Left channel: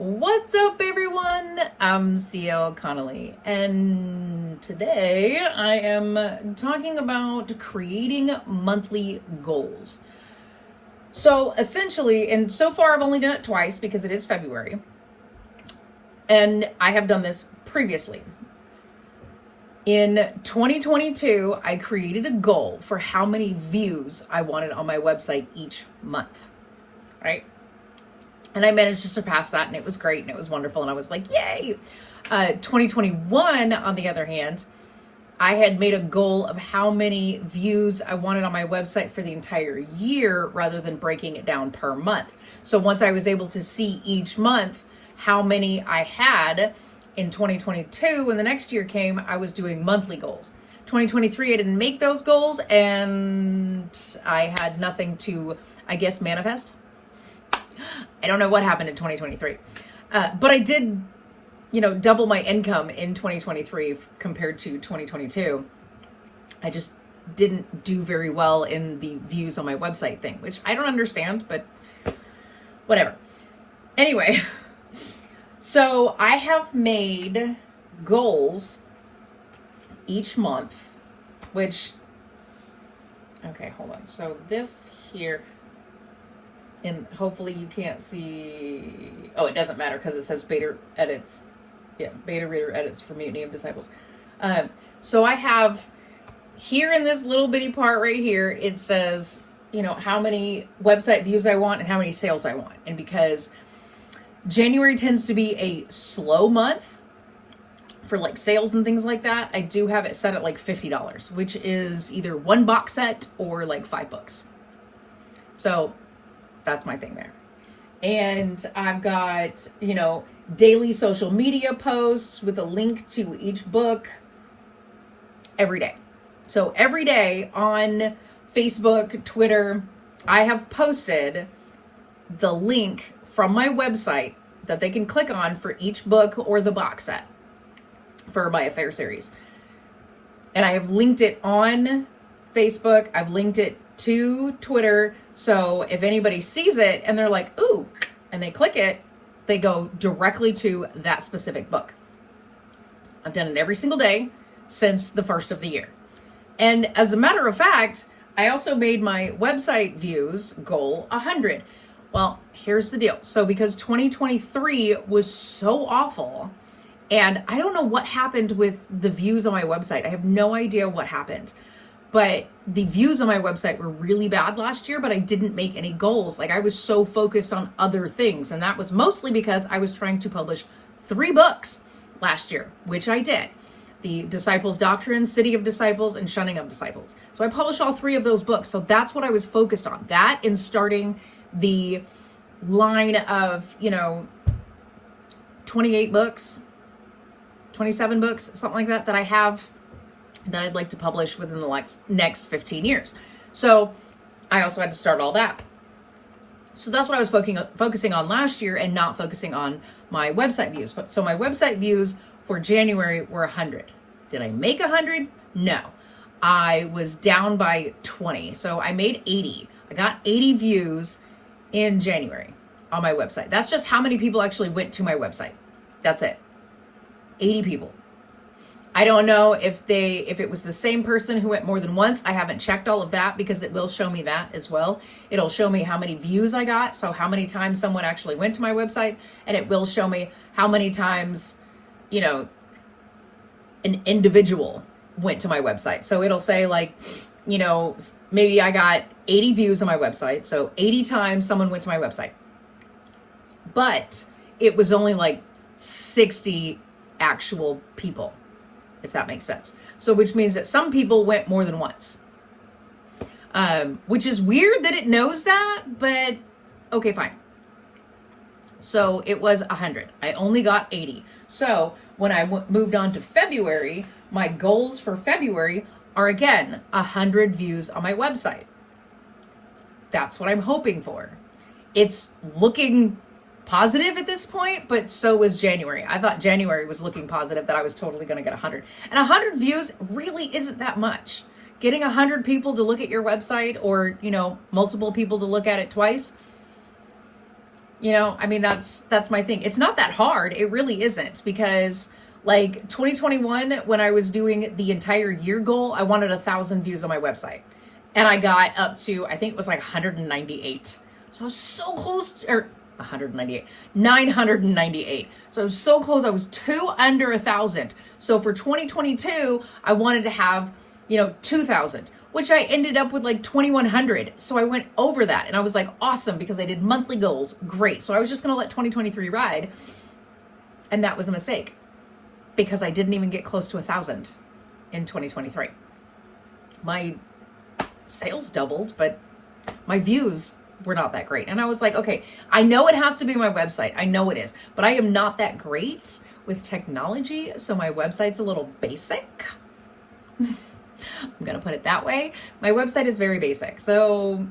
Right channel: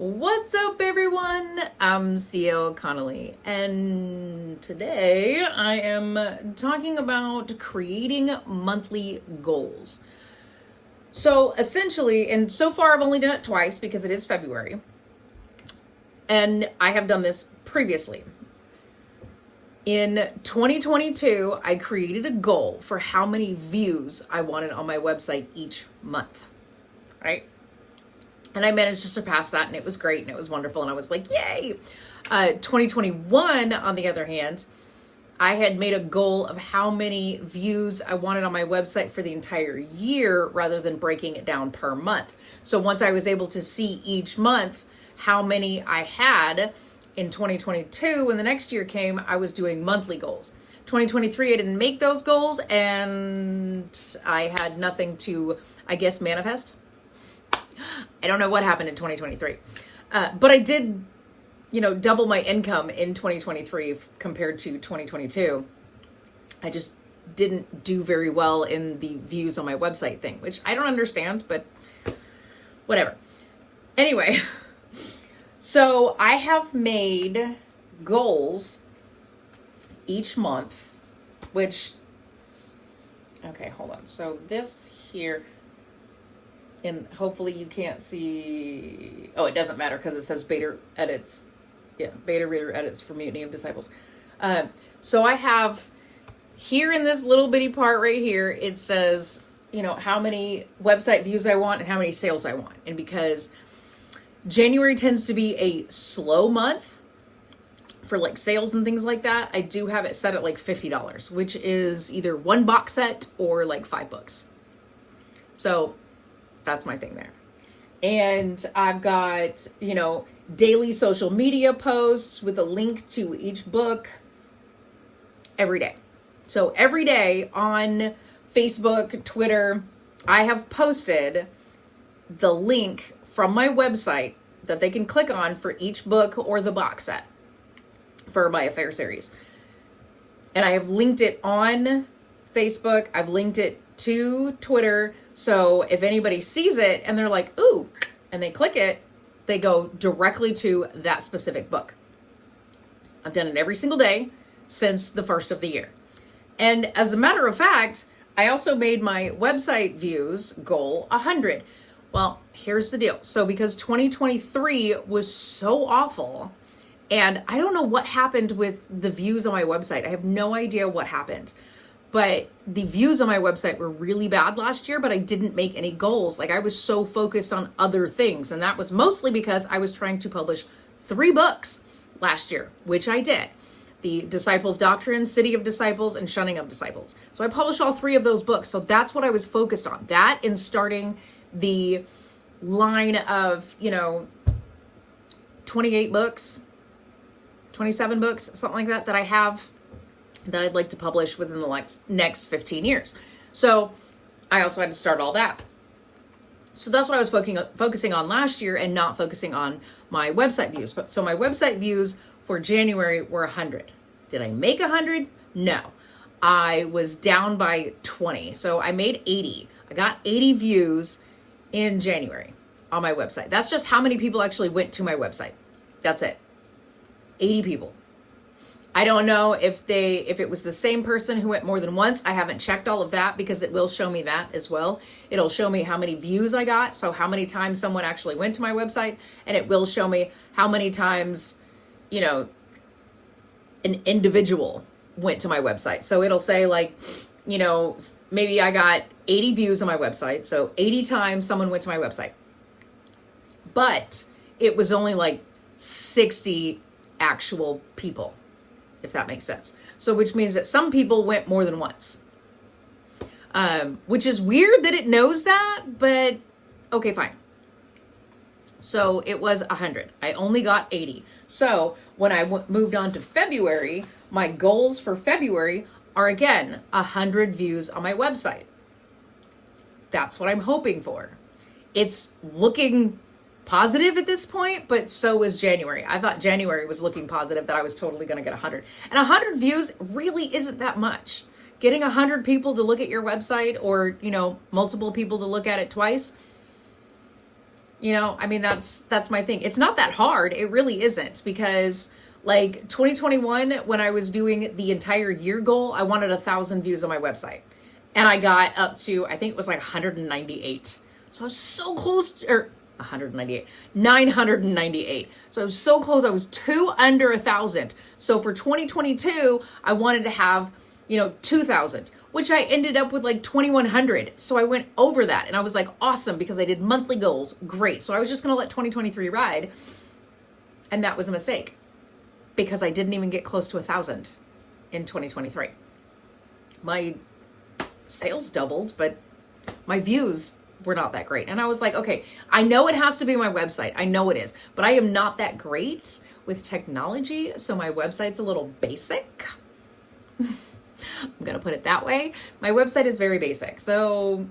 What's up, everyone? I'm CL Connolly, and today I am talking about creating monthly goals. So essentially, and so far I've only done it twice because it is February, and I have done this previously. In 2022, I created a goal for how many views I wanted on my website each month, right? And I managed to surpass that, and it was great, and it was wonderful, and I was like, yay! 2021, on the other hand, I had made a goal of how many views I wanted on my website for the entire year rather than breaking it down per month. So once I was able to see each month how many I had in 2022, when the next year came, I was doing monthly goals. 2023, I didn't make those goals, and I had nothing to, I guess, manifest. I don't know what happened in 2023, but I did, double my income in 2023 compared to 2022. I just didn't do very well in the views on my website thing, which I don't understand, but whatever. Anyway, so I have made goals each month, which, okay, hold on. So this here, and hopefully you can't see, oh, it doesn't matter because it says beta edits. Yeah, beta reader edits for Mutiny of Disciples. So I have here in this little bitty part right here, it says, how many website views I want and how many sales I want. And because January tends to be a slow month for like sales and things like that, I do have it set at like $50, which is either one box set or like $5. So that's my thing there. And I've got, daily social media posts with a link to each book every day. So every day on Facebook, Twitter, I have posted the link from my website that they can click on for each book or the box set for my Affair series. And I have linked it on Facebook. I've linked it to Twitter. So if anybody sees it and they're like, ooh, and they click it, they go directly to that specific book. I've done it every single day since the first of the year. And as a matter of fact, I also made my website views goal 100. Well, here's the deal. So because 2023 was so awful, and I don't know what happened with the views on my website. I have no idea what happened. But the views on my website were really bad last year, but I didn't make any goals. Like I was so focused on other things. And that was mostly because I was trying to publish 3 books last year, which I did. The Disciples' Doctrine, City of Disciples, and Shunning of Disciples. So I published all 3 of those books. So that's what I was focused on. That and starting the line of, 28 books, 27 books, something like that I have that I'd like to publish within the next 15 years. So I also had to start all that. So that's what I was focusing on last year and not focusing on my website views. So my website views for January were 100. Did I make 100? No. I was down by 20. So I made 80. I got 80 views in January on my website. That's just how many people actually went to my website. That's it. 80 people. I don't know if it was the same person who went more than once. I haven't checked all of that because it will show me that as well. It'll show me how many views I got, so how many times someone actually went to my website, and it will show me how many times, an individual went to my website. So it'll say like, maybe I got 80 views on my website, so 80 times someone went to my website. But it was only like 60 actual people, if that makes sense. So which means that some people went more than once, which is weird that it knows that, but okay, fine. So it was 100. I only got 80. So when I moved on to February, my goals for February are again 100 views on my website. That's what I'm hoping for. It's looking positive at this point, but so was January. I thought January was looking positive that I was totally going to get 100. And 100 views really isn't that much. Getting 100 people to look at your website or, multiple people to look at it twice, You know, I mean, that's my thing. It's not that hard. It really isn't, because like 2021, when I was doing the entire year goal, I wanted 1,000 views on my website. And I got up to, I think it was like 198. So I was so close, or 198, 998. So I was so close. I was 2 under 1,000. So for 2022, I wanted to have, 2,000, which I ended up with like 2,100. So I went over that, and I was like, awesome, because I did monthly goals. Great. So I was just going to let 2023 ride. And that was a mistake, because I didn't even get close to 1,000 in 2023. My sales doubled, but my views were not that great. And I was like, okay, I know it has to be my website. I know it is, but I am not that great with technology. So my website's a little basic. I'm going to put it that way. My website is very basic. So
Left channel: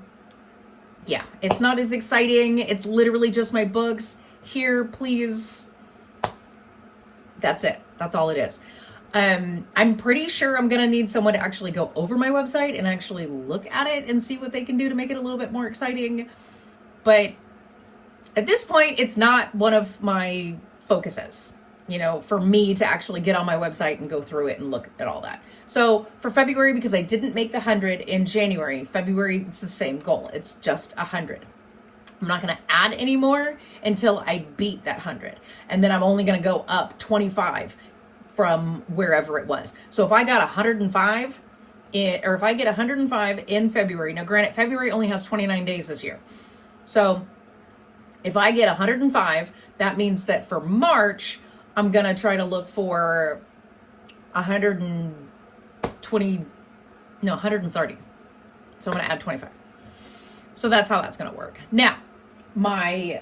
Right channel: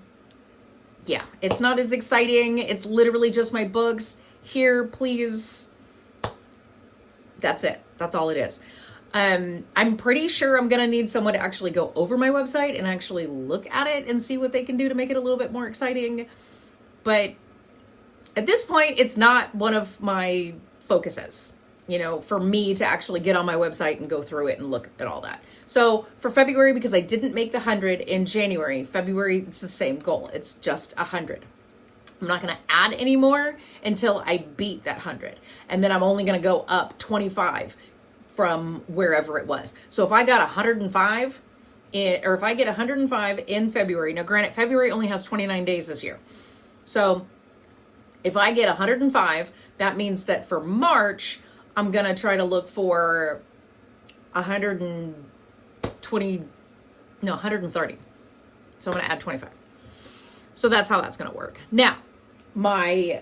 yeah, it's not as exciting. It's literally just my books. Here, please. That's it. That's all it is. I'm pretty sure I'm going to need someone to actually go over my website and actually look at it and see what they can do to make it a little bit more exciting. But at this point, it's not one of my focuses, for me to actually get on my website and go through it and look at all that. So for February, because I didn't make the 100 in January, February, it's the same goal. It's just 100. I'm not going to add any more until I beat that 100. And then I'm only going to go up 25 from wherever it was. So if I got 105 or if I get 105 in February, now granted, February only has 29 days this year. So if I get 105, that means that for March, I'm going to try to look for 130. So I'm going to add 25. So that's how that's going to work. Now, my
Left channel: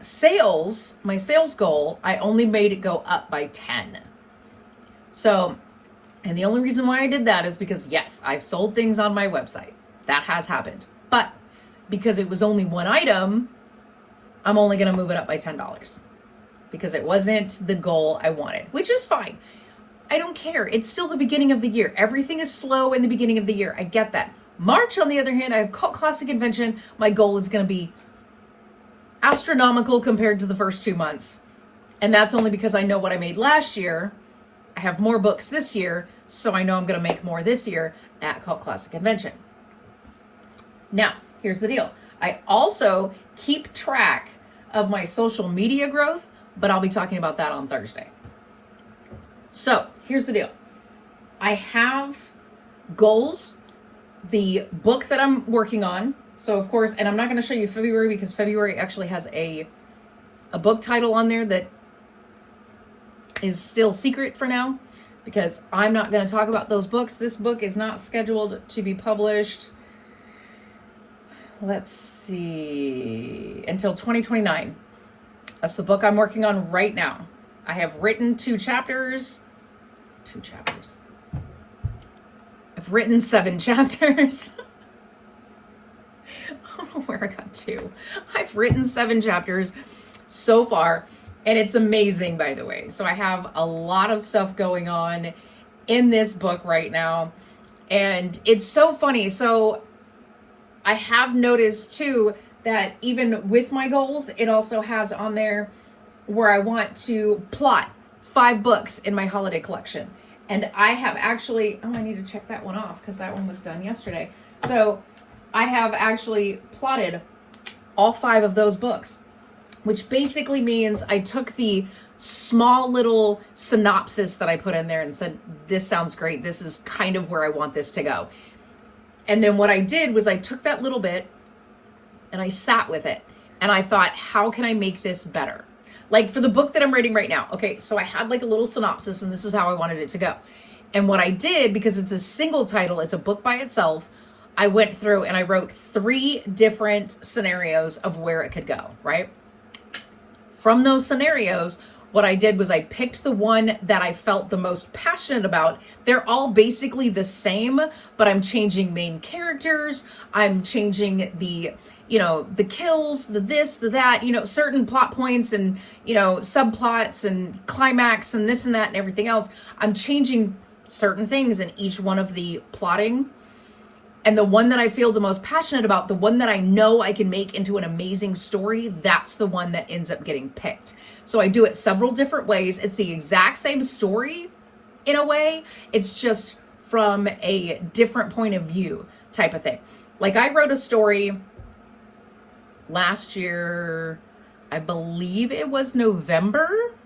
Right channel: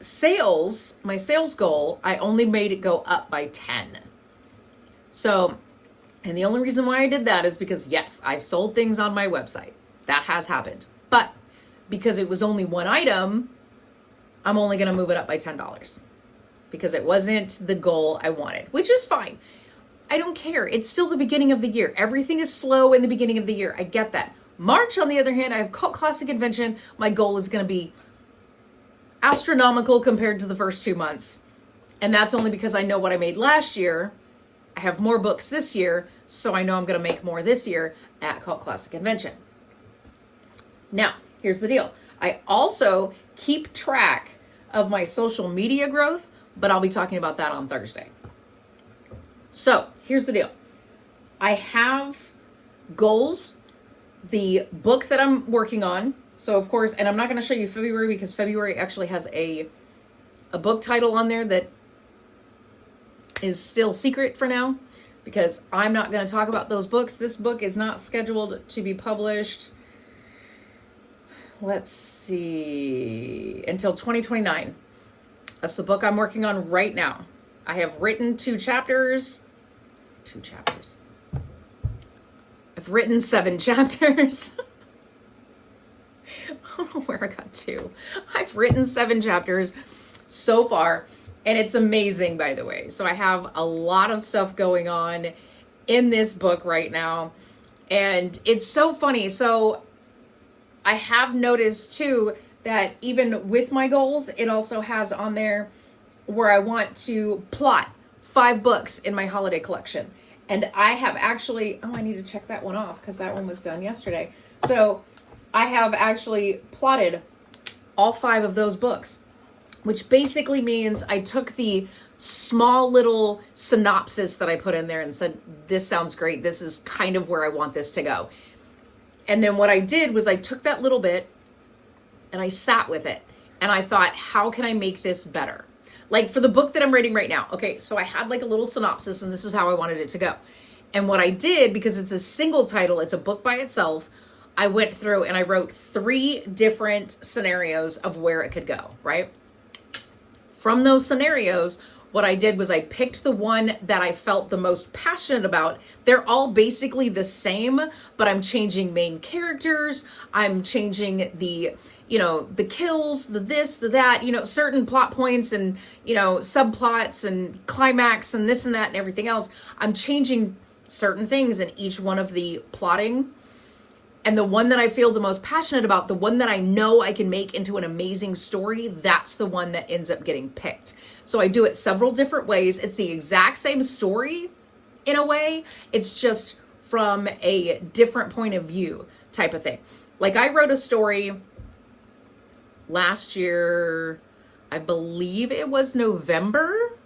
sales goal, I only made it go up by 10. So, and the only reason why I did that is because, yes, I've sold things on my website. That has happened. But because it was only one item, I'm only going to move it up by $10 because it wasn't the goal I wanted, which is fine. I don't care. It's still the beginning of the year. Everything is slow in the beginning of the year. I get that. March, on the other hand, I have Cult Classic Convention. My goal is going to be astronomical compared to the first 2 months. And that's only because I know what I made last year. I have more books this year, so I know I'm going to make more this year at Cult Classic Convention. Now, here's the deal. I also keep track of my social media growth, but I'll be talking about that on Thursday. So, here's the deal. I have goals, the book that I'm working on. So, of course, and I'm not going to show you February because February actually has a book title on there that is still secret for now because I'm not going to talk about those books. This book is not scheduled to be published, let's see, until 2029. That's the book I'm working on right now. I have written 2 chapters. I've written 7 chapters. I don't know where I got 2. I've written 7 chapters so far. And it's amazing, by the way. So I have a lot of stuff going on in this book right now. And it's so funny. So I have noticed too that even with my goals, it also has on there where I want to plot 5 books in my holiday collection. And I have actually, I need to check that one off because that one was done yesterday. So I have actually plotted all 5 of those books, which basically means I took the small little synopsis that I put in there and said, this sounds great. This is kind of where I want this to go. And then what I did was I took that little bit and I sat with it. And I thought, how can I make this better? Like for the book that I'm writing right now. Okay, so I had like a little synopsis and this is how I wanted it to go. And what I did, because it's a single title, it's a book by itself, I went through and I wrote 3 different scenarios of where it could go, right? From those scenarios, what I did was I picked the one that I felt the most passionate about. They're all basically the same, but I'm changing main characters. I'm changing the kills, the this, the that, certain plot points and, subplots and climax and this and that and everything else. I'm changing certain things in each one of the plotting. And the one that I feel the most passionate about, the one that I know I can make into an amazing story, that's the one that ends up getting picked. So I do it several different ways. It's the exact same story in a way. It's just from a different point of view type of thing. Like I wrote a story last year, I believe it was November,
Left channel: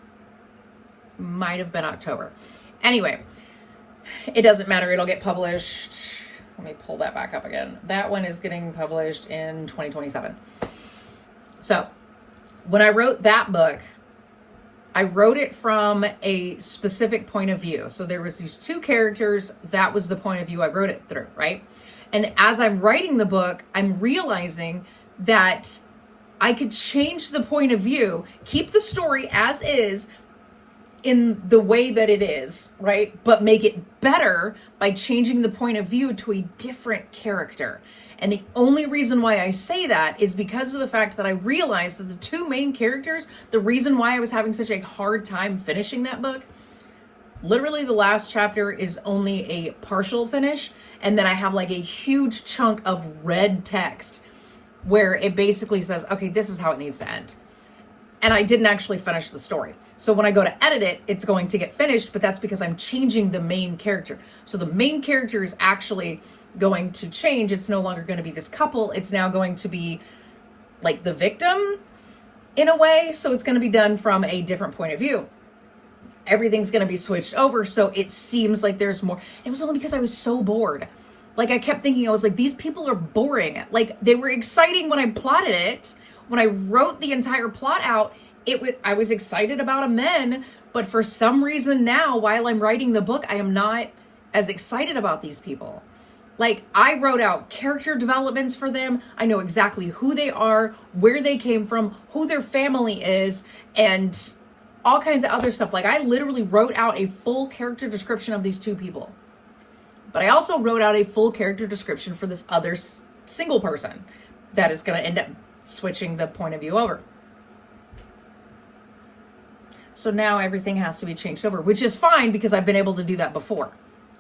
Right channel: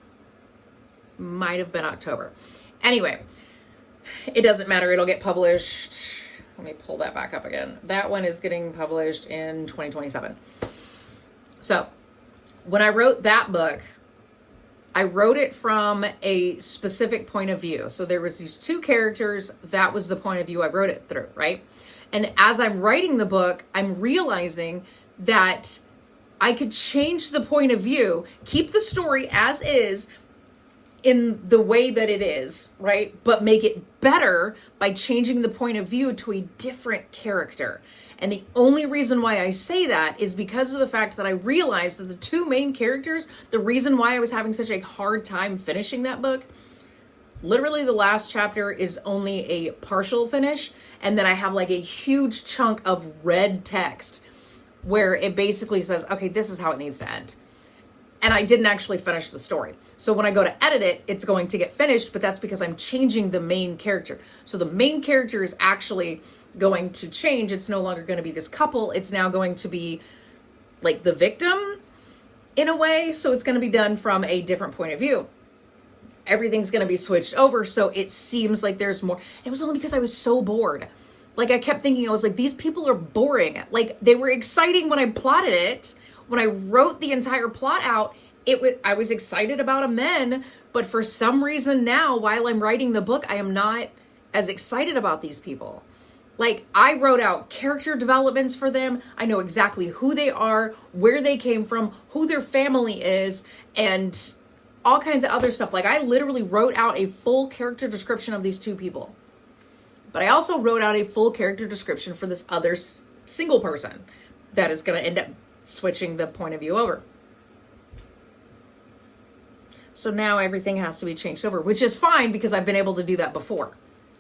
might have been October. Anyway, it doesn't matter. It'll get published. Let me pull that back up again. That one is getting published in 2027. So when I wrote that book, I wrote it from a specific point of view. So there was these two characters. That was the point of view I wrote it through, right? And as I'm writing the book, I'm realizing that I could change the point of view, keep the story as is in the way that it is, right? But make it better by changing the point of view to a different character. And the only reason why I say that is because of the fact that I realized that the two main characters, the reason why I was having such a hard time finishing that book, literally the last chapter is only a partial finish. And then I have like a huge chunk of red text where it basically says, okay, this is how it needs to end. And I didn't actually finish the story. So when I go to edit it, it's going to get finished, but that's because I'm changing the main character. So the main character is actually going to change. It's no longer going to be this couple. It's now going to be like the victim in a way. So it's going to be done from a different point of view. Everything's going to be switched over. So it seems like there's more. It was only because I was so bored. Like I kept thinking, I was like, these people are boring. Like they were exciting when I plotted it. When I wrote the entire plot out, I was excited about them then, but for some reason now, while I'm writing the book, I am not as excited about these people. Like I wrote out character developments for them. I know exactly who they are, where they came from, who their family is, and all kinds of other stuff. Like I literally wrote out a full character description of these two people. But I also wrote out a full character description for this other single person that is going to end up switching the point of view over. So now everything has to be changed over, which is fine because I've been able to do that before.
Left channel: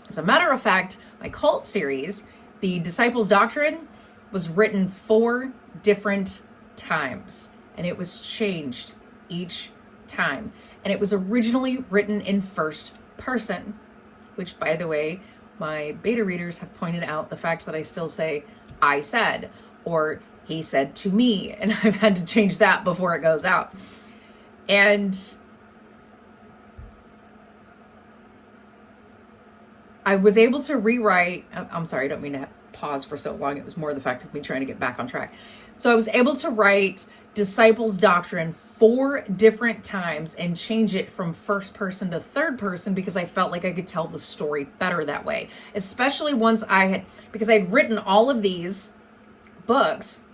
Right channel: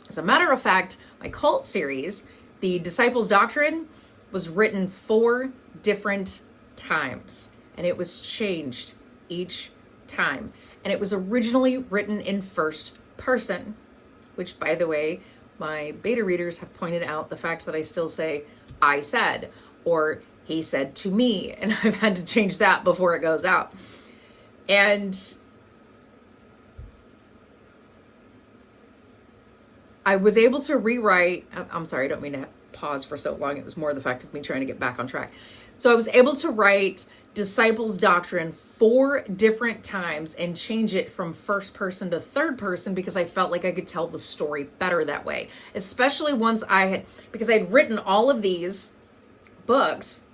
As a matter of fact, my cult series, the Disciples Doctrine, was written 4 different times, and it was changed each time. And it was originally written in first person, which, by the way, my beta readers have pointed out the fact that I still say I said or he said to me, and I've had to change that before it goes out. And I was able to rewrite, I'm sorry, I don't mean to pause for so long. It was more the fact of me trying to get back on track. So I was able to write Disciples Doctrine 4 different times and change it from first person to third person because I felt like I could tell the story better that way. Especially once because I had written all of these books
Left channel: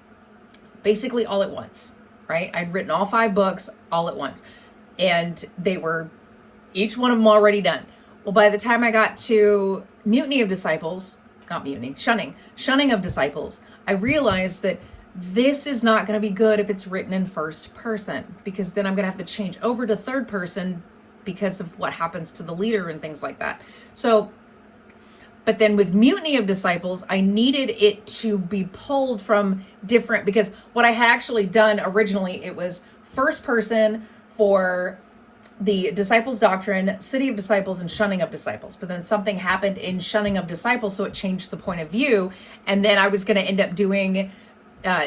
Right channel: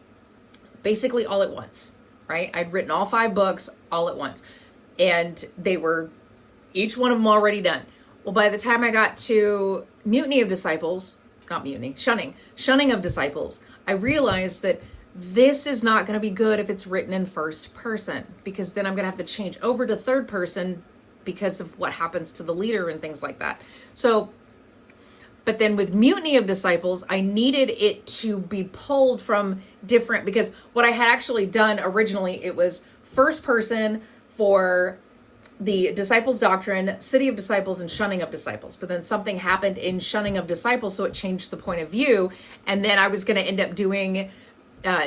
basically all at once, right? I'd written all 5 books all at once, and they were each one of them already done. Well, by the time I got to Shunning of Disciples, I realized that this is not going to be good if it's written in first person, because then I'm going to have to change over to third person because of what happens to the leader and things like that. So, but then with Mutiny of Disciples, I needed it to be pulled from different, because what I had actually done originally, it was first person for the Disciples Doctrine, City of Disciples, and Shunning of Disciples. But then something happened in Shunning of Disciples, so it changed the point of view. And then I was going to end up doing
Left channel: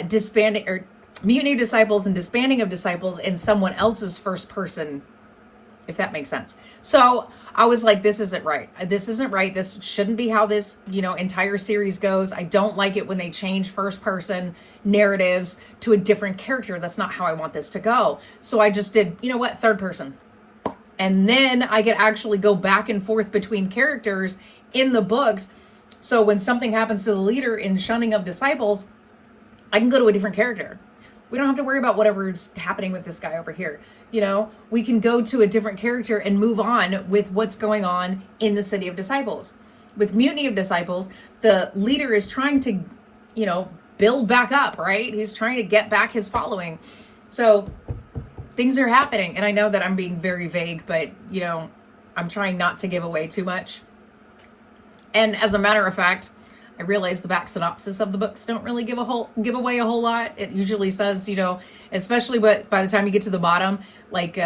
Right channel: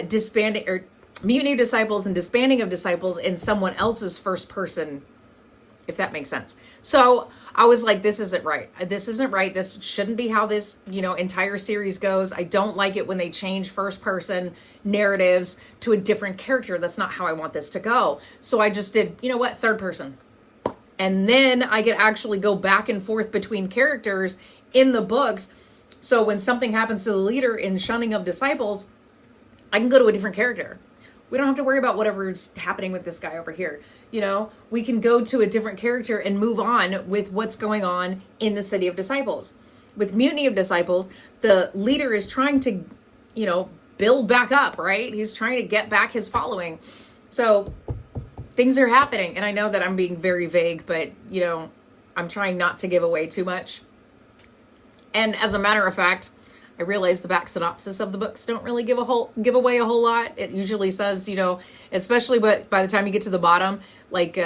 disbanding or Mutiny of Disciples and Disbanding of Disciples in someone else's first person, if that makes sense. So I was like, this isn't right. This isn't right. This shouldn't be how this, entire series goes. I don't like it when they change first person narratives to a different character. That's not how I want this to go. So I just did, third person. And then I could actually go back and forth between characters in the books. So when something happens to the leader in Shunning of Disciples, I can go to a different character. We don't have to worry about whatever's happening with this guy over here. We can go to a different character and move on with what's going on in the City of Disciples. With Mutiny of Disciples, the leader is trying to, build back up, right? He's trying to get back his following. So things are happening. And I know that I'm being very vague, but, I'm trying not to give away too much. And as a matter of fact, I realize the back synopsis of the books don't really give away a whole lot. It usually says, you know, especially by the time you get to the bottom, like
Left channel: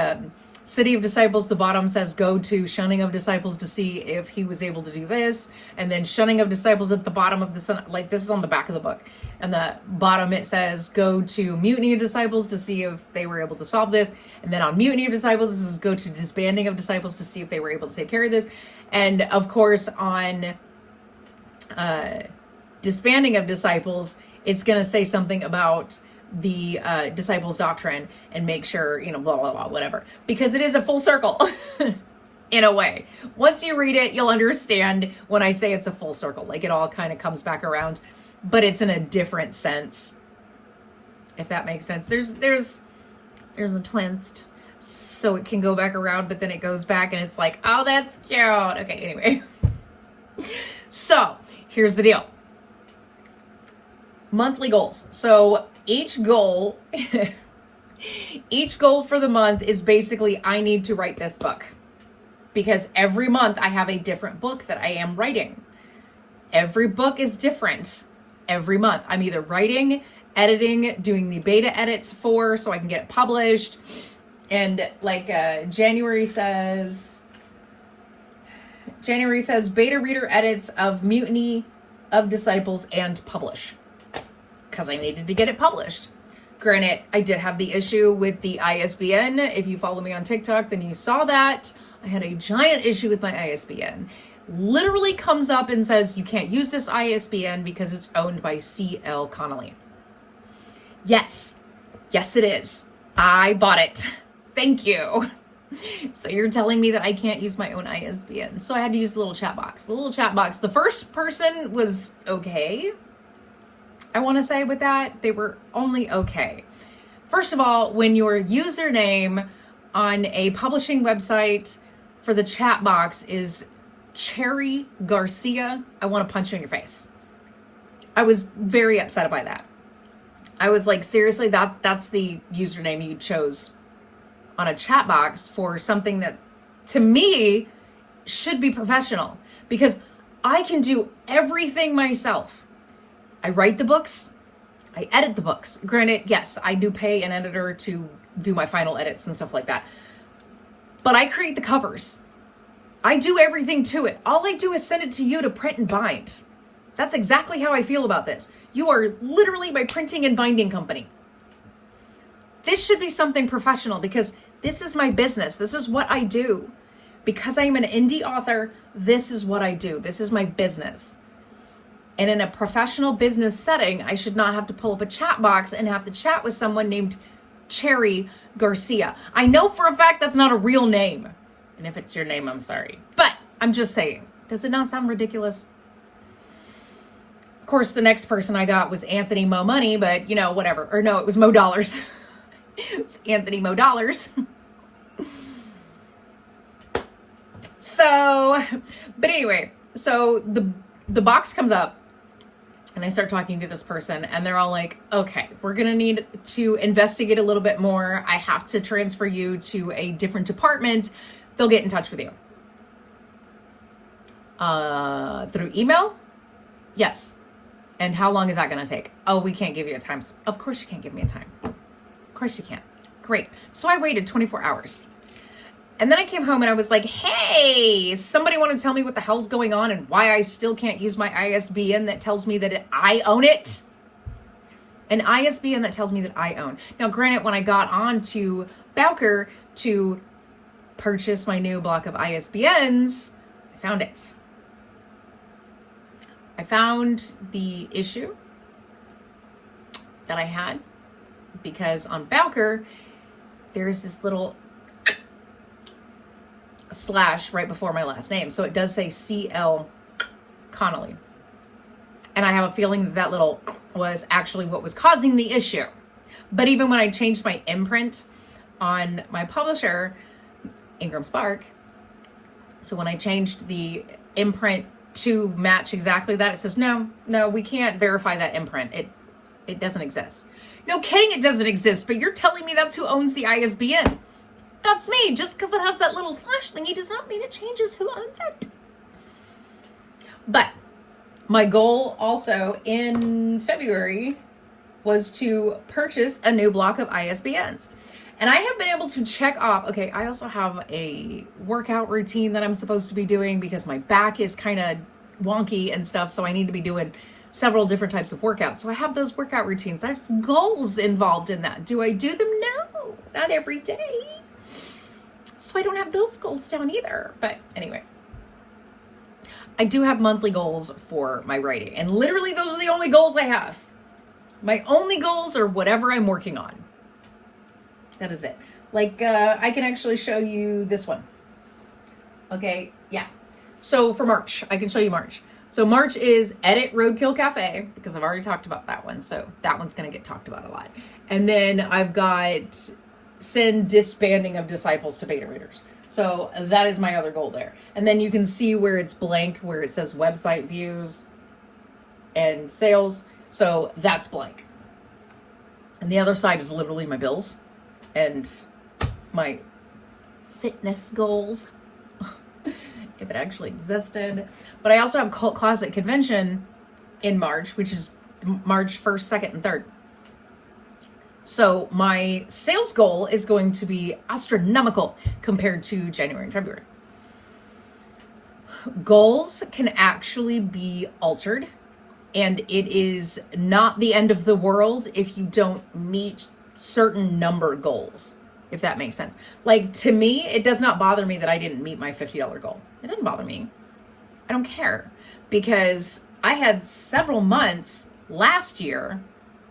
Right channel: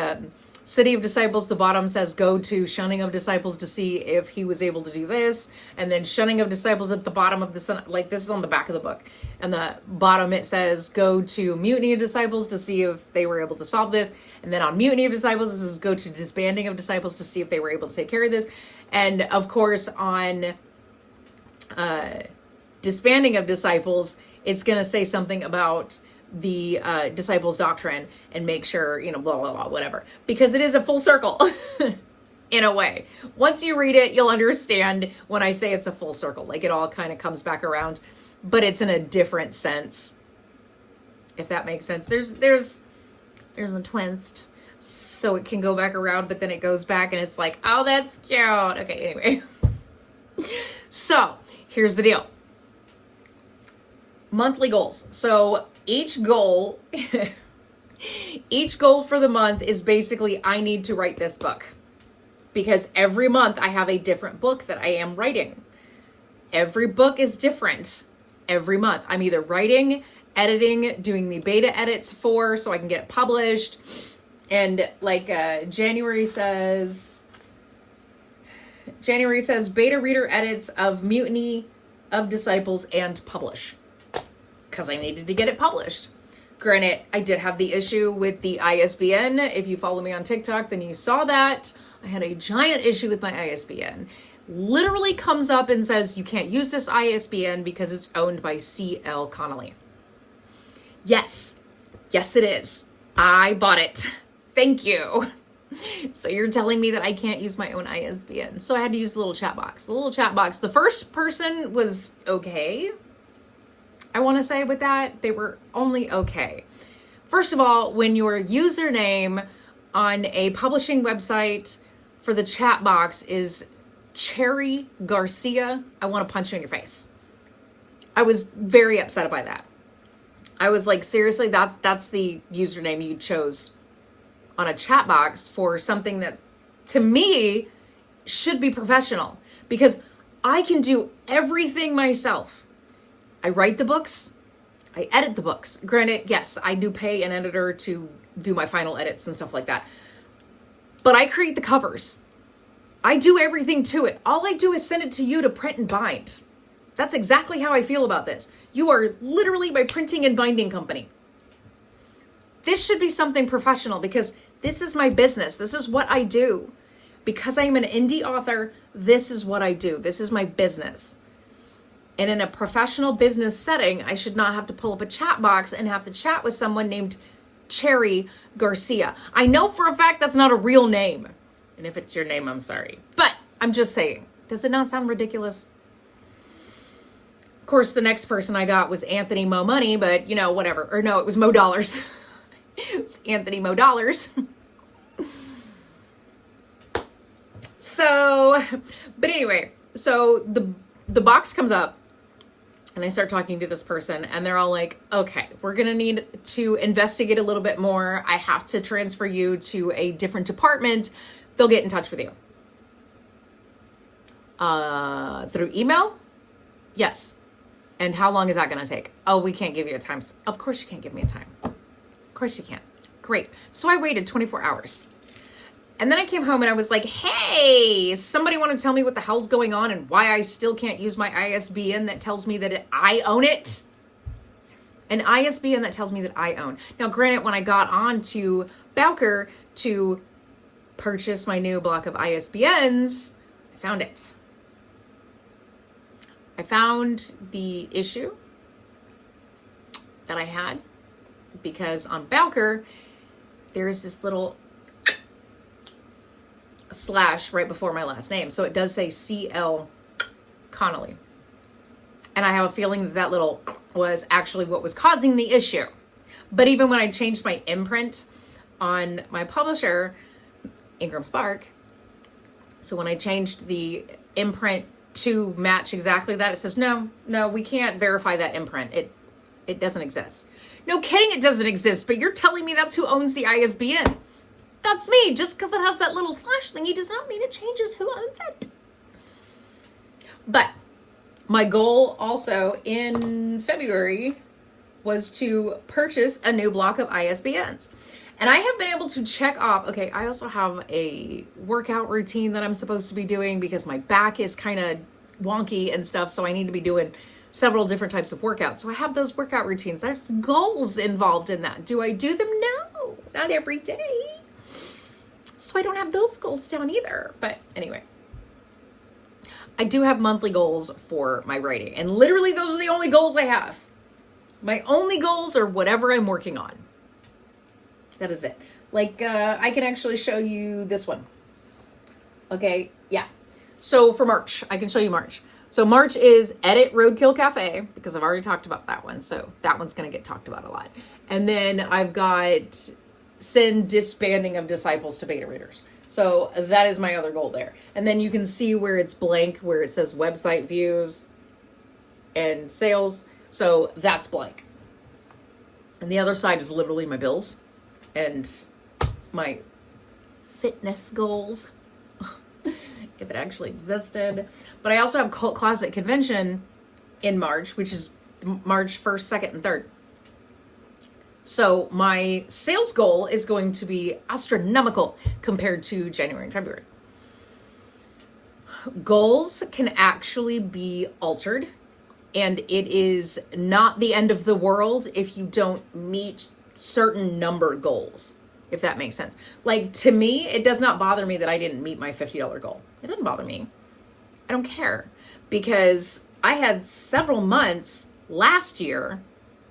City of Disciples, the bottom says go to Shunning of Disciples to see if he was able to do this. And then Shunning of Disciples at the bottom of the, like this is on the back of the book. And the bottom it says go to Mutiny of Disciples to see if they were able to solve this. And then on Mutiny of Disciples, this is go to Disbanding of Disciples to see if they were able to take care of this. And of course on Disbanding of Disciples, it's going to say something about the disciples' doctrine and make sure, you know, blah, blah, blah, whatever. Because it is a full circle in a way. Once you read it, you'll understand when I say it's a full circle. Like it all kind of comes back around, but it's in a different sense. If that makes sense. There's a twist. So it can go back around, but then it goes back and it's like, oh, that's cute. Okay, anyway. So here's the deal. Monthly goals. So each goal for the month is basically, I need to write this book, because every month I have a different book that I am writing. Every book is different every month. I'm either writing, editing, doing the beta edits so I can get it published. And like January says beta reader edits of Mutiny of Disciples and publish, because I needed to get it published. Granted, I did have the issue with the ISBN. If you follow me on TikTok, then you saw that. I had a giant issue with my ISBN. Literally comes up and says, you can't use this ISBN because it's owned by C.L. Connolly. Yes. Yes, it is. I bought it. Thank you. So you're telling me that I can't use my own ISBN. So I had to use the little chat box. The little chat box. The first person was okay. I want to say with that, they were only okay. First of all, when your username on a publishing website for the chat box is Cherry Garcia, I want to punch you in your face. I was very upset by that. I was like, seriously, that's the username you chose on a chat box for something that, to me, should be professional, because I can do everything myself. I write the books, I edit the books. Granted, yes, I do pay an editor to do my final edits and stuff like that. But I create the covers. I do everything to it. All I do is send it to you to print and bind. That's exactly how I feel about this. You are literally my printing and binding company. This should be something professional, because this is my business. This is what I do. Because I am an indie author, this is what I do. This is my business. And in a professional business setting, I should not have to pull up a chat box and have to chat with someone named Cherry Garcia. I know for a fact that's not a real name. And if it's your name, I'm sorry. But I'm just saying, does it not sound ridiculous? Of course, the next person I got was Anthony Mo Money, but you know, whatever. Or no, it was Mo Dollars. It was Anthony Mo Dollars. So, but anyway, so the box comes up and I start talking to this person and they're all like, okay, we're going to need to investigate a little bit more. I have to transfer you to a different department. They'll get in touch with you. Through email? Yes. And how long is that going to take? Oh, we can't give you a time. Of course you can't give me a time. Of course you can't. Great. So I waited 24 hours. And then I came home and I was like, hey, somebody want to tell me what the hell's going on and why I still can't use my ISBN that tells me that I own it? An ISBN that tells me that I own. Now, granted, when I got on to Bowker to purchase my new block of ISBNs, I found it. I found the issue that I had because on Bowker, there's this little slash right before my last name. So it does say C.L. Connolly. And I have a feeling that little was actually what was causing the issue. But even when I changed my imprint on my publisher, Ingram Spark, so when I changed the imprint to match exactly that, it says, no, we can't verify that imprint. It doesn't exist. No kidding, it doesn't exist, but you're telling me that's who owns the ISBN. That's me. Just because it has that little slash thingy does not mean it changes who owns it. But My goal also in February was to purchase a new block of ISBNs. And I have been able to check off, okay, I also have a workout routine that I'm supposed to be doing because my back is kind of wonky and stuff. So I need to be doing several different types of workouts. So I have those workout routines. There's goals involved in that. Do I do them? No, not every day. So I don't have those goals down either. But anyway, I do have monthly goals for my writing. And literally those are the only goals I have. My only goals are whatever I'm working on. That is it. Like, I can actually show you this one. Okay, yeah. So for March, I can show you March. So March is Edit Roadkill Cafe, because I've already talked about that one. So that one's going to get talked about a lot. And then I've got Send Disbanding of Disciples to Beta Readers. So that is my other goal there. And then you can see where it's blank, where it says website views and sales. So that's blank. And the other side is literally my bills and my fitness goals, if it actually existed. But I also have Cult Classic Convention in March, which is March 1st, 2nd, and 3rd. So my sales goal is going to be astronomical compared to January and February. Goals can actually be altered, and it is not the end of the world if you don't meet certain number goals, if that makes sense. Like, to me, it does not bother me that I didn't meet my $50 goal. It doesn't bother me. I don't care, because I had several months last year,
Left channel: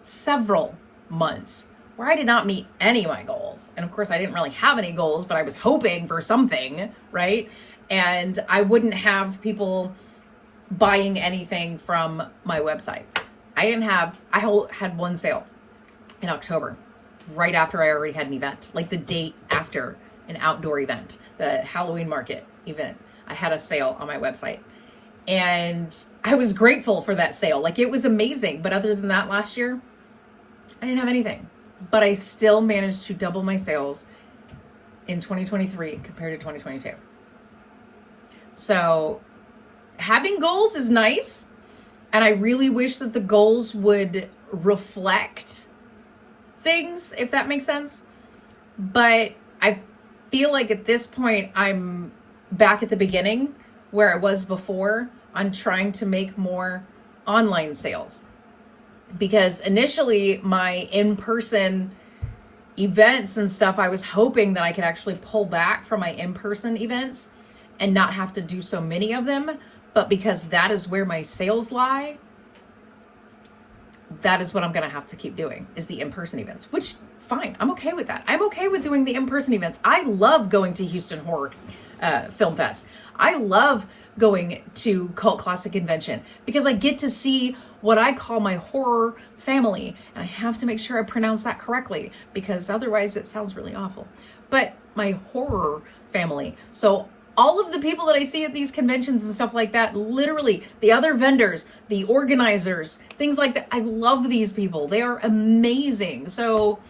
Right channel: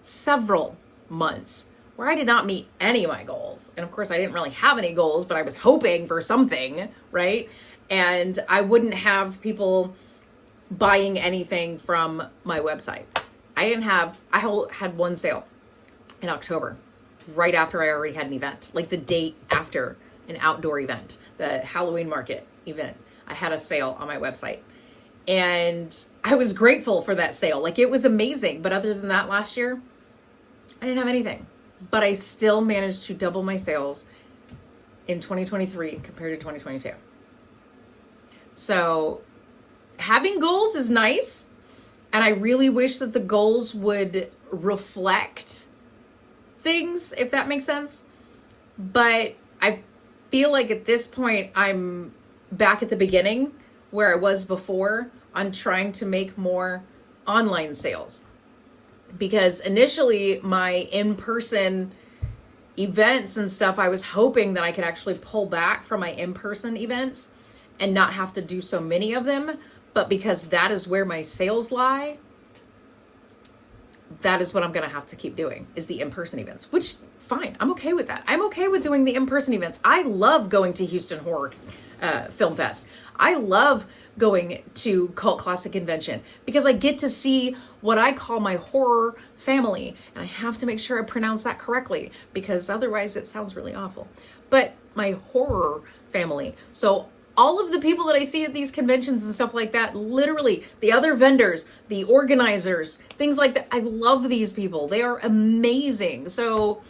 several months where I did not meet any of my goals. And of course I didn't really have any goals, but I was hoping for something, right? And I wouldn't have people buying anything from my website. I had one sale in October, right after I already had an event, like the date after an outdoor event, the Halloween market event. I had a sale on my website, and I was grateful for that sale. Like, it was amazing. But other than that, last year, I didn't have anything, but I still managed to double my sales in 2023 compared to 2022. So having goals is nice. And I really wish that the goals would reflect things, if that makes sense. But I feel like at this point, I'm back at the beginning where I was before on trying to make more online sales. Because initially my in-person events and stuff, I was hoping that I could actually pull back from my in-person events and not have to do so many of them. But because that is where my sales lie, that is what I'm going to have to keep doing, is the in-person events, which fine. I'm okay with that. I'm okay with doing the in-person events. I love going to Houston Horror Film Fest. I love going to Cult Classic Convention because I get to see what I call my horror family. And I have to make sure I pronounce that correctly because otherwise it sounds really awful. But my horror family. So all of the people that I see at these conventions and stuff like that, literally the other vendors, the organizers, things like that. I love these people. They are amazing. So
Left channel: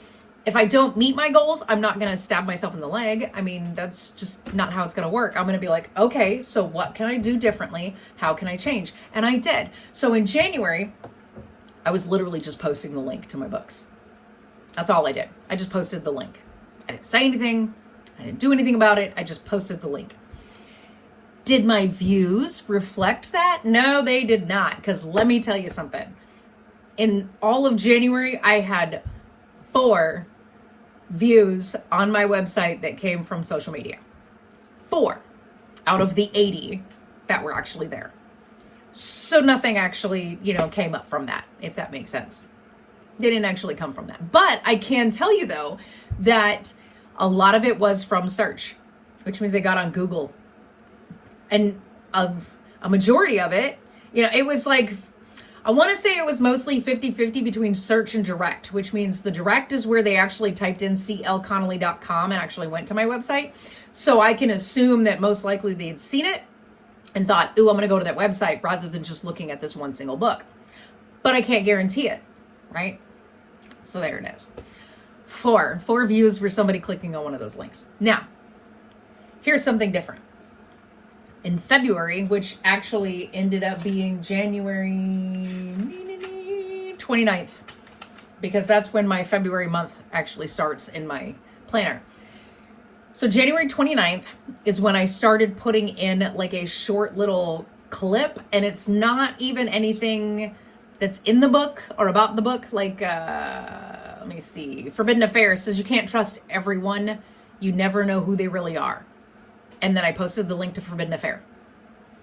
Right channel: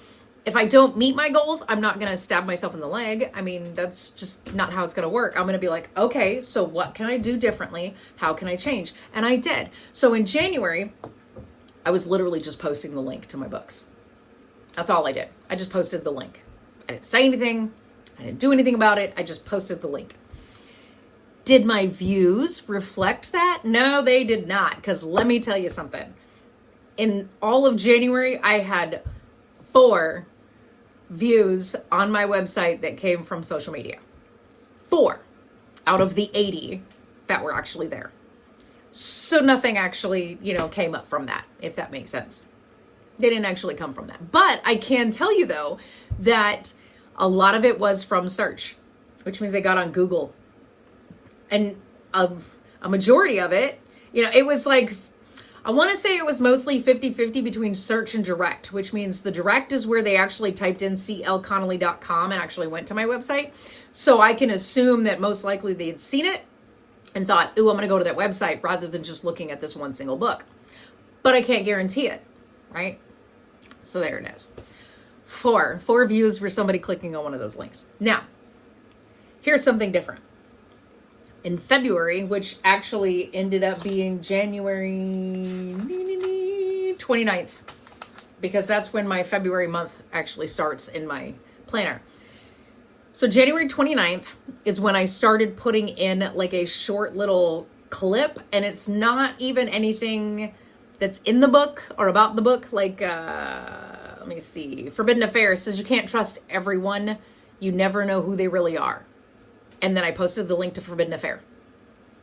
if I don't meet my goals, I'm not going to stab myself in the leg. I mean, that's just not how it's going to work. I'm going to be like, okay, so what can I do differently? How can I change? And I did. So in January, I was literally just posting the link to my books. That's all I did. I just posted the link. I didn't say anything. I didn't do anything about it. I just posted the link. Did my views reflect that? No, they did not. Because let me tell you something. In all of January, I had 4 views on my website that came from social media. 4 out of the 80 that were actually there. So nothing actually, came up from that, if that makes sense. They didn't actually come from that. But I can tell you, though, that a lot of it was from search, which means they got on Google. And a majority of it, it was like, I want to say it was mostly 50-50 between search and direct, which means the direct is where they actually typed in clconnolly.com and actually went to my website. So I can assume that most likely they'd seen it and thought, ooh, I'm going to go to that website rather than just looking at this one single book. But I can't guarantee it, right? So there it is. 4 views were somebody clicking on one of those links. Now, here's something different. in February, which actually ended up being January 29th, because that's when my February month actually starts in my planner. So January 29th is when I started putting in like a short little clip, and it's not even anything that's in the book or about the book. Like, let me see. Forbidden Affair says you can't trust everyone. You never know who they really are. And then I posted the link to Forbidden Affair.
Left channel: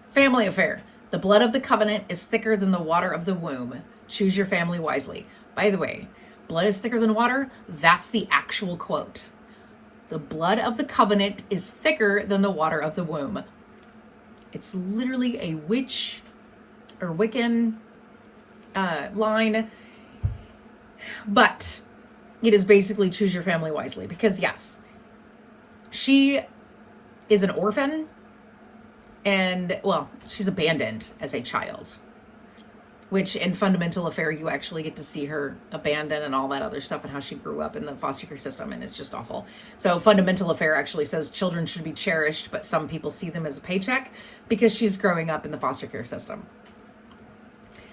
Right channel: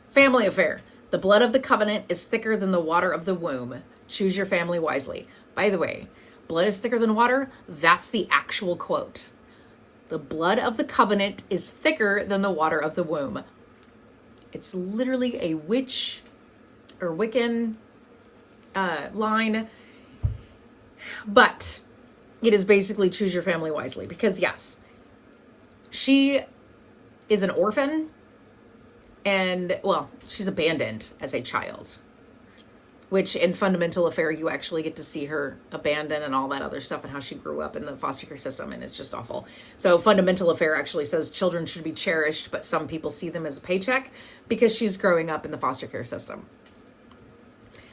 Family Affair. The blood of the covenant is thicker than the water of the womb. Choose your family wisely. By the way, blood is thicker than water. That's the actual quote. The blood of the covenant is thicker than the water of the womb. It's literally a witch or Wiccan line. But it is basically choose your family wisely. Because yes, she is an orphan, and well, she's abandoned as a child, which in Fundamental Affair, you actually get to see her abandoned and all that other stuff and how she grew up in the foster care system, and it's just awful. So Fundamental Affair actually says children should be cherished, but some people see them as a paycheck because she's growing up in the foster care system.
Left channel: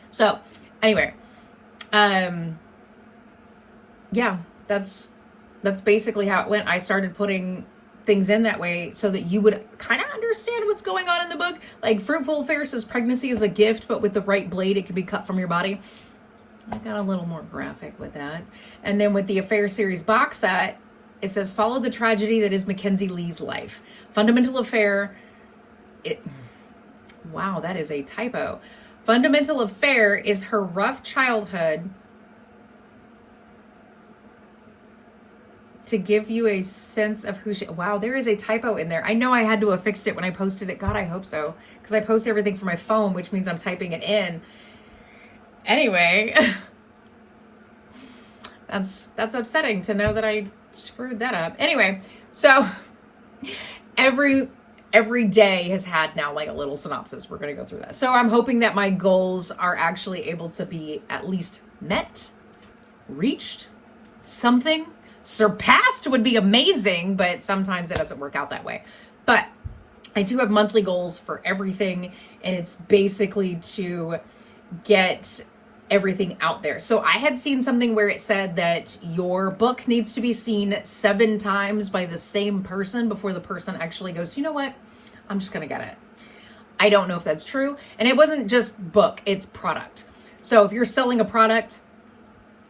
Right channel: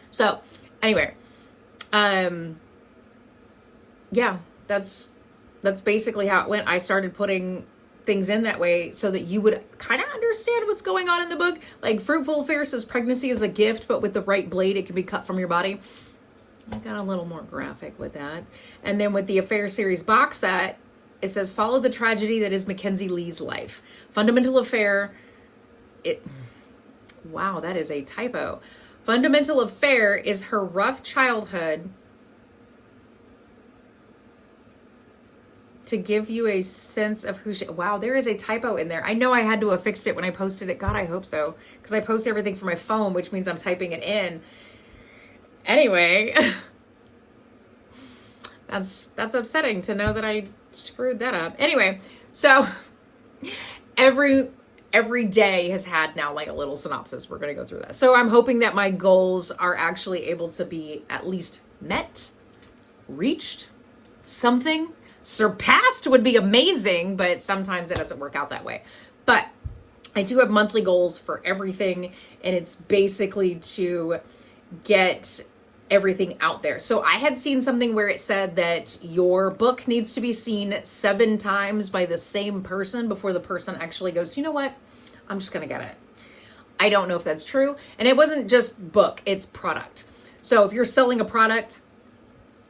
So anyway, yeah, that's basically how it went. I started putting things in that way so that you would kind of understand what's going on in the book. Like Fruitful Affair says pregnancy is a gift, but with the right blade, it can be cut from your body. I got a little more graphic with that. And then with the Affair series box set, it says follow the tragedy that is Mackenzie Lee's life. Fundamental Affair, wow, that is a typo. Fundamental Affair is her rough childhood to give you a sense of who she... Wow, there is a typo in there. I know I had to have fixed it when I posted it. God, I hope so. Because I post everything from my phone, which means I'm typing it in. Anyway, that's upsetting to know that I screwed that up. Anyway, so every day has had now like a little synopsis. We're going to go through that. So I'm hoping that my goals are actually able to be at least met, reached, something. Surpassed would be amazing, but sometimes it doesn't work out that way. But I do have monthly goals for everything, and it's basically to get everything out there. So I had seen something where it said that your book needs to be seen 7 times by the same person before the person actually goes, you know what? I'm just going to get it. I don't know if that's true. And it wasn't just book, it's product. So if you're selling a product,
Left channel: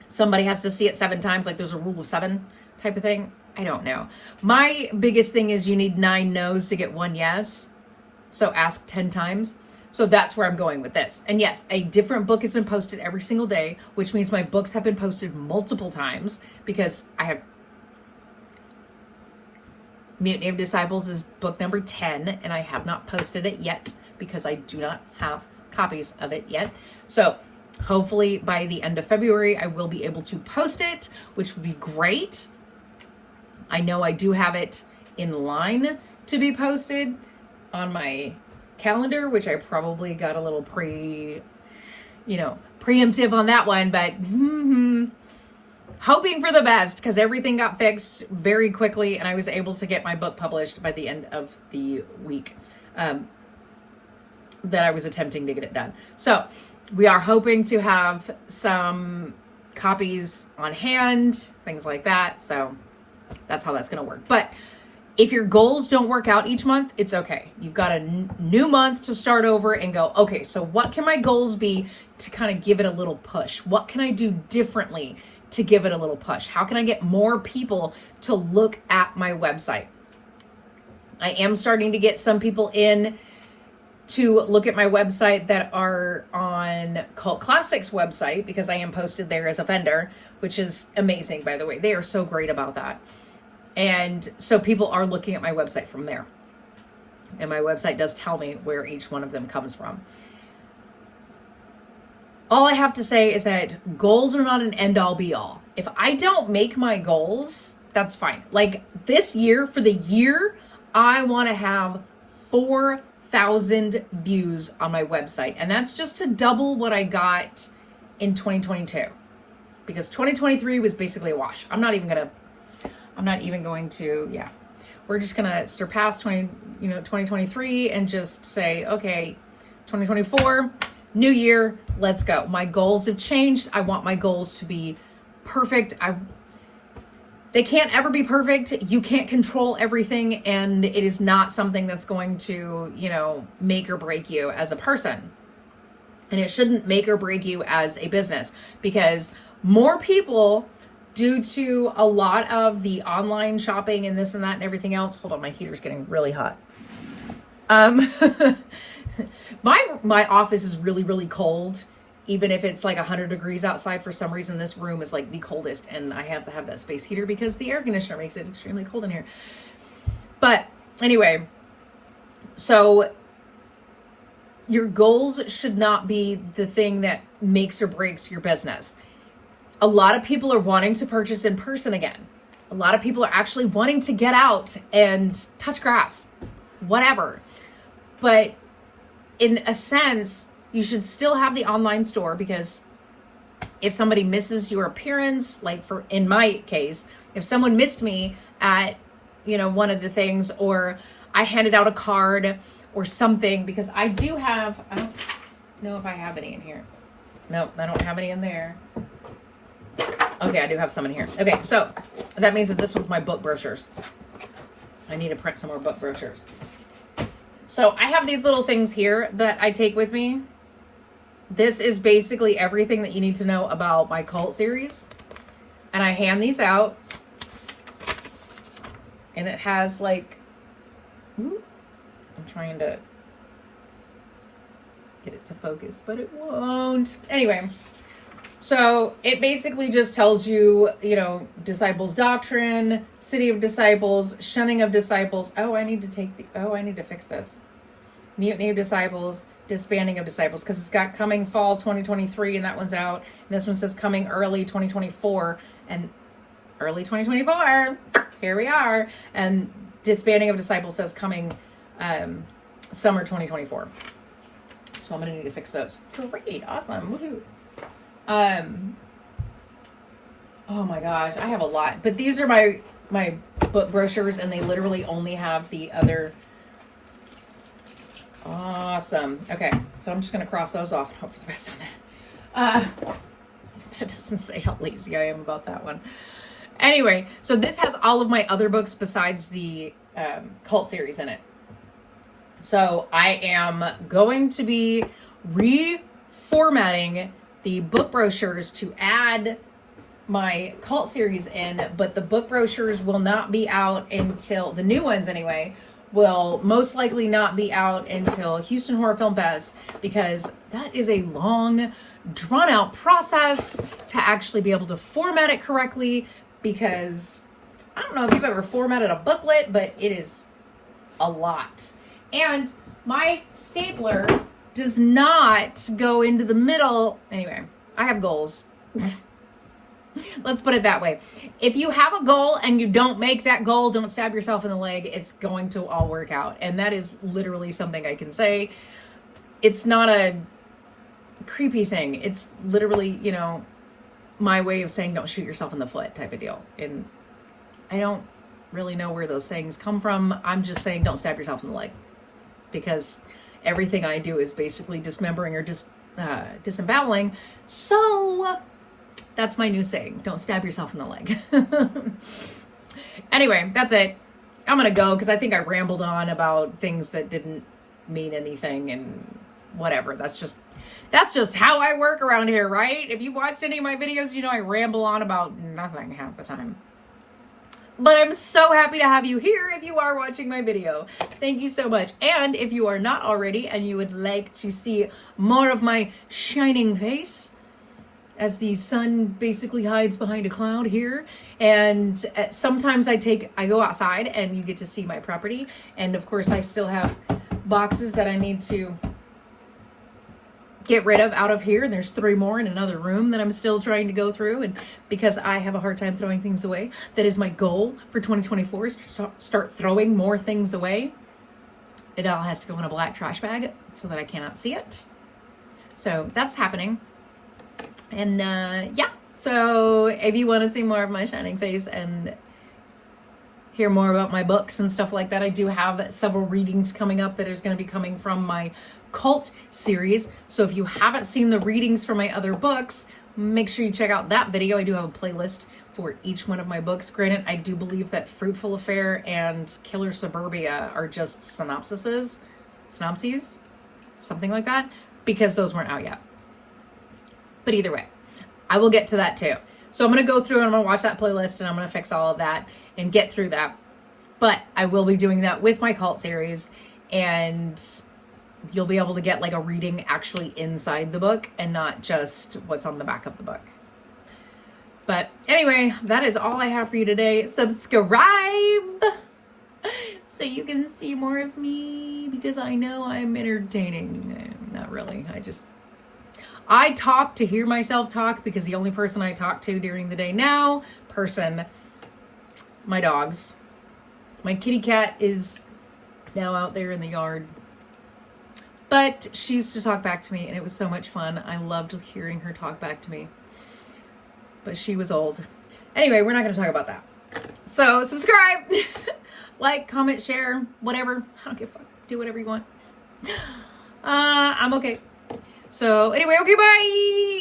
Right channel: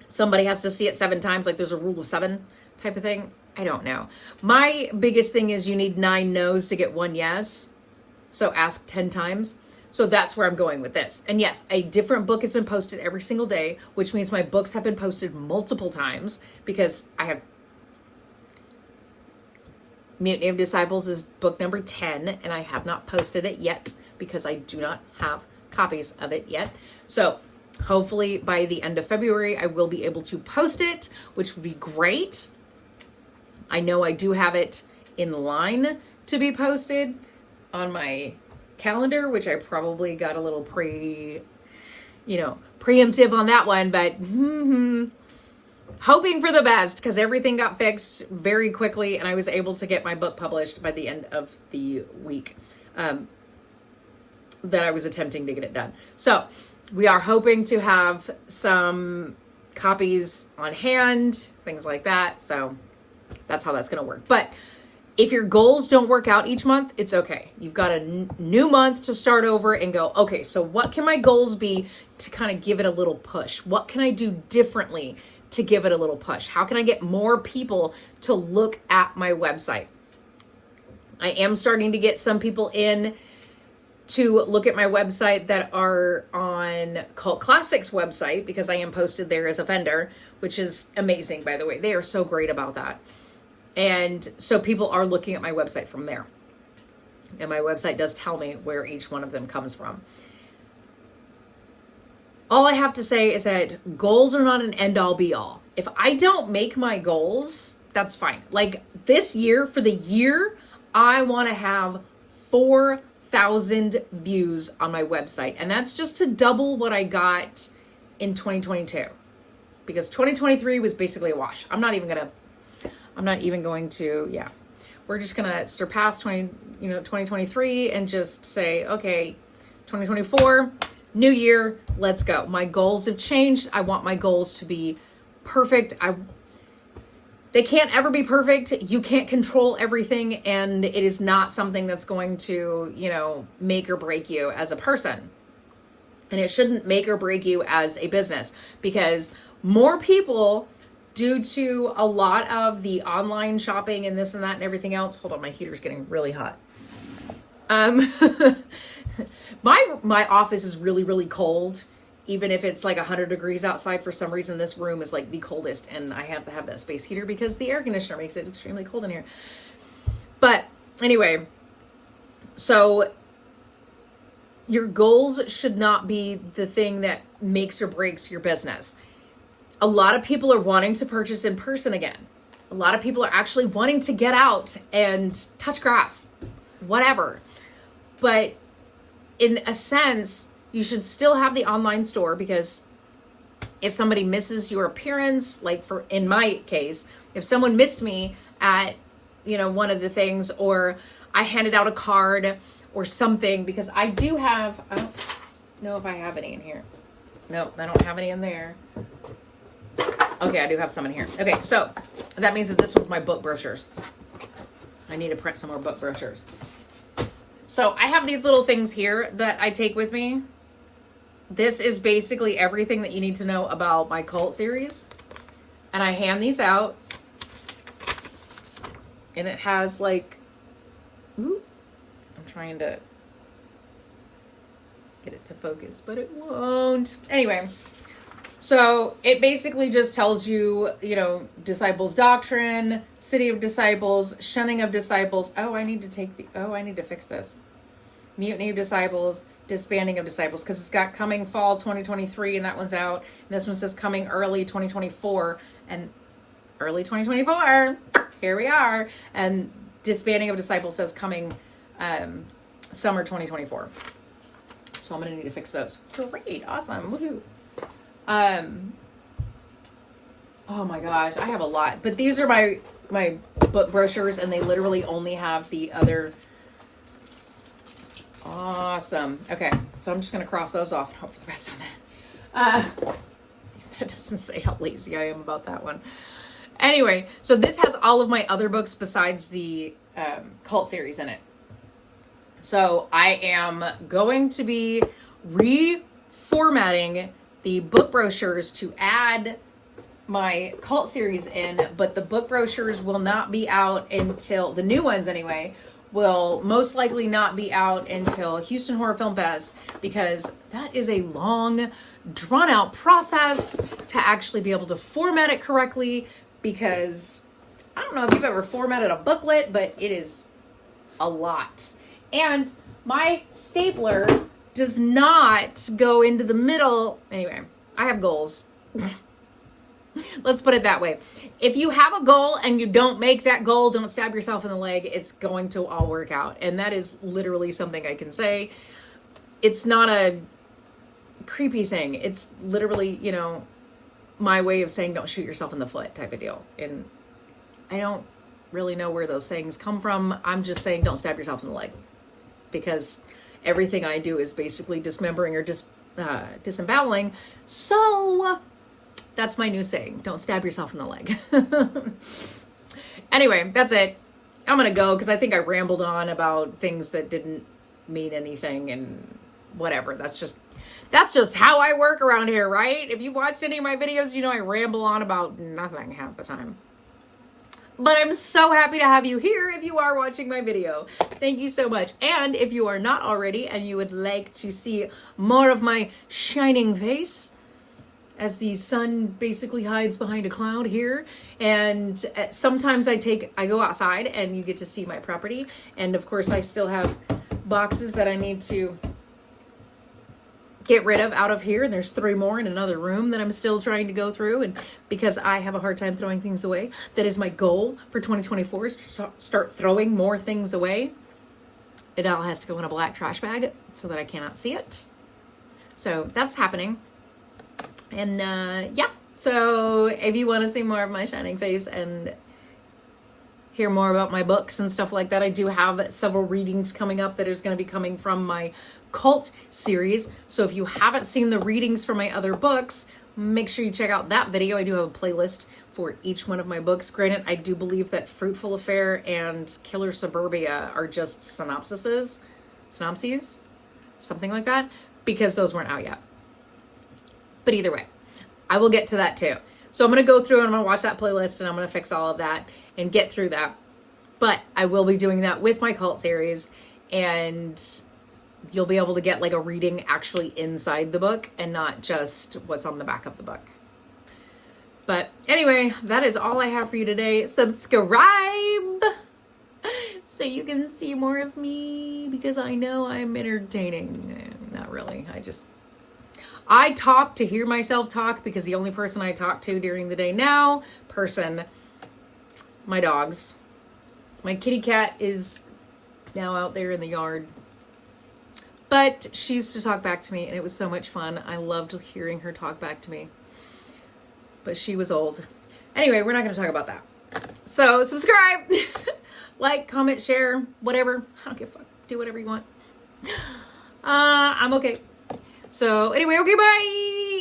somebody has to see it 7 times, like there's a rule of 7 type of thing. I don't know. My biggest thing is you need 9 no's to get 1 yes. So ask 10 times. So that's where I'm going with this. And yes, a different book has been posted every single day, which means my books have been posted multiple times because I have Mutiny of Disciples is book number 10, and I have not posted it yet because I do not have copies of it yet. So hopefully by the end of February, I will be able to post it, which would be great. I know I do have it in line to be posted on my calendar, which I probably got a little preemptive on that one, but hoping for the best because everything got fixed very quickly and I was able to get my book published by the end of the week that I was attempting to get it done. So we are hoping to have some copies on hand, things like that. So that's how that's going to work. But if your goals don't work out each month, it's okay. You've got a new month to start over and go, okay, so what can my goals be to kind of give it a little push? What can I do differently to give it a little push? How can I get more people to look at my website? I am starting to get some people in to look at my website that are on Cult Classics website because I am posted there as a vendor, which is amazing, by the way. They are so great about that. And so people are looking at my website from there. And my website does tell me where each one of them comes from. All I have to say is that goals are not an end-all be-all. If I don't make my goals, that's fine. Like this year, for the year, I want to have 4,000 views on my website. And that's just to double what I got in 2022. Because 2023 was basically a wash. I'm not even going to, we're just going to surpass 2023 and just say, okay, 2024, new year, let's go. My goals have changed. I want my goals to be perfect. They can't ever be perfect. You can't control everything, and it is not something that's going to, make or break you as a person. And it shouldn't make or break you as a business, because more people, due to a lot of the online shopping and this and that and everything else. Hold on, my heater's getting really hot. My office is really, really cold. Even if it's like 100 degrees outside, for some reason, this room is like the coldest, and I have to have that space heater because the air conditioner makes it extremely cold in here. But anyway, so your goals should not be the thing that makes or breaks your business. A lot of people are wanting to purchase in person again. A lot of people are actually wanting to get out and touch grass, whatever. But in a sense, you should still have the online store, because if somebody misses your appearance, like in my case, if someone missed me at, one of the things, or I handed out a card or something, because I don't know if I have any in here. No, I don't have any in there. Okay, I do have some in here. Okay, so that means that this one's my book brochures. I need to print some more book brochures. So I have these little things here that I take with me. This is basically everything that you need to know about my cult series. And I hand these out. And it has like, I'm trying to get it to focus, but it won't. Anyway, so it basically just tells you, disciples' doctrine, city of disciples, shunning of disciples. I need to fix this. Mutiny of disciples, disbanding of disciples, because it's got coming fall 2023, and that one's out. And this one says coming early 2024, and early 2024, here we are. And disbanding of disciples says coming summer 2024. So I'm going to need to fix those. Great. Awesome. Woohoo. Oh my gosh, I have a lot, but these are my book brochures, and they literally only have the other. Awesome. Okay, so I'm just gonna cross those off and hope for the best on that. That doesn't say how lazy I am about that one. Anyway, so this has all of my other books besides the cult series in it. So I am going to be reformatting the book brochures to add my cult series in, but the book brochures will not be out until, the new ones anyway, will most likely not be out until Houston Horror Film Fest, because that is a long, drawn out process to actually be able to format it correctly, because I don't know if you've ever formatted a booklet, but it is a lot. And my stapler does not go into the middle. Anyway, I have goals. Let's put it that way. If you have a goal and you don't make that goal, don't stab yourself in the leg. It's going to all work out. And that is literally something I can say. It's not a creepy thing. It's literally, my way of saying don't shoot yourself in the foot type of deal. And I don't really know where those sayings come from. I'm just saying don't stab yourself in the leg, because everything I do is basically dismembering or disemboweling. So that's my new saying. Don't stab yourself in the leg. Anyway, that's it. I'm going to go, because I think I rambled on about things that didn't mean anything and whatever. That's just how I work around here, right? If you watched any of my videos, I ramble on about nothing half the time. But I'm so happy to have you here if you are watching my video. Thank you so much. And if you are not already and you would like to see more of my shining face, as the sun basically hides behind a cloud here, and sometimes I go outside and you get to see my property. And of course I still have boxes that I need to get rid of out of here. And there's 3 more in another room that I'm still trying to go through. And because I have a hard time throwing things away, that is my goal for 2024, is to start throwing more things away. It all has to go in a black trash bag so that I cannot see it. So that's happening. And yeah, so if you want to see more of my shining face and hear more about my books and stuff like that, I do have several readings coming up that is going to be coming from my cult series. So if you haven't seen the readings for my other books, make sure you check out that video. I do have a playlist for each one of my books. Granted, I do believe that Fruitful Affair and Killer Suburbia are just synopses, something like that, because those weren't out yet. But either way, I will get to that too. So I'm going to go through and I'm going to watch that playlist and I'm going to fix all of that and get through that. But I will be doing that with my cult series, and you'll be able to get like a reading actually inside the book and not just what's on the back of the book. But anyway, that is all I have for you today. Subscribe so you can see more of me, because I know I'm entertaining. Not really. I talk to hear myself talk, because the only person I talk to during the day now, my dogs. My kitty cat is now out there in the yard. But she used to talk back to me, and it was so much fun. I loved hearing her talk back to me. But she was old. Anyway, we're not going to talk about that. So subscribe, like, comment, share, whatever. I don't give a fuck. Do whatever you want. I'm okay. So anyway, okay, bye.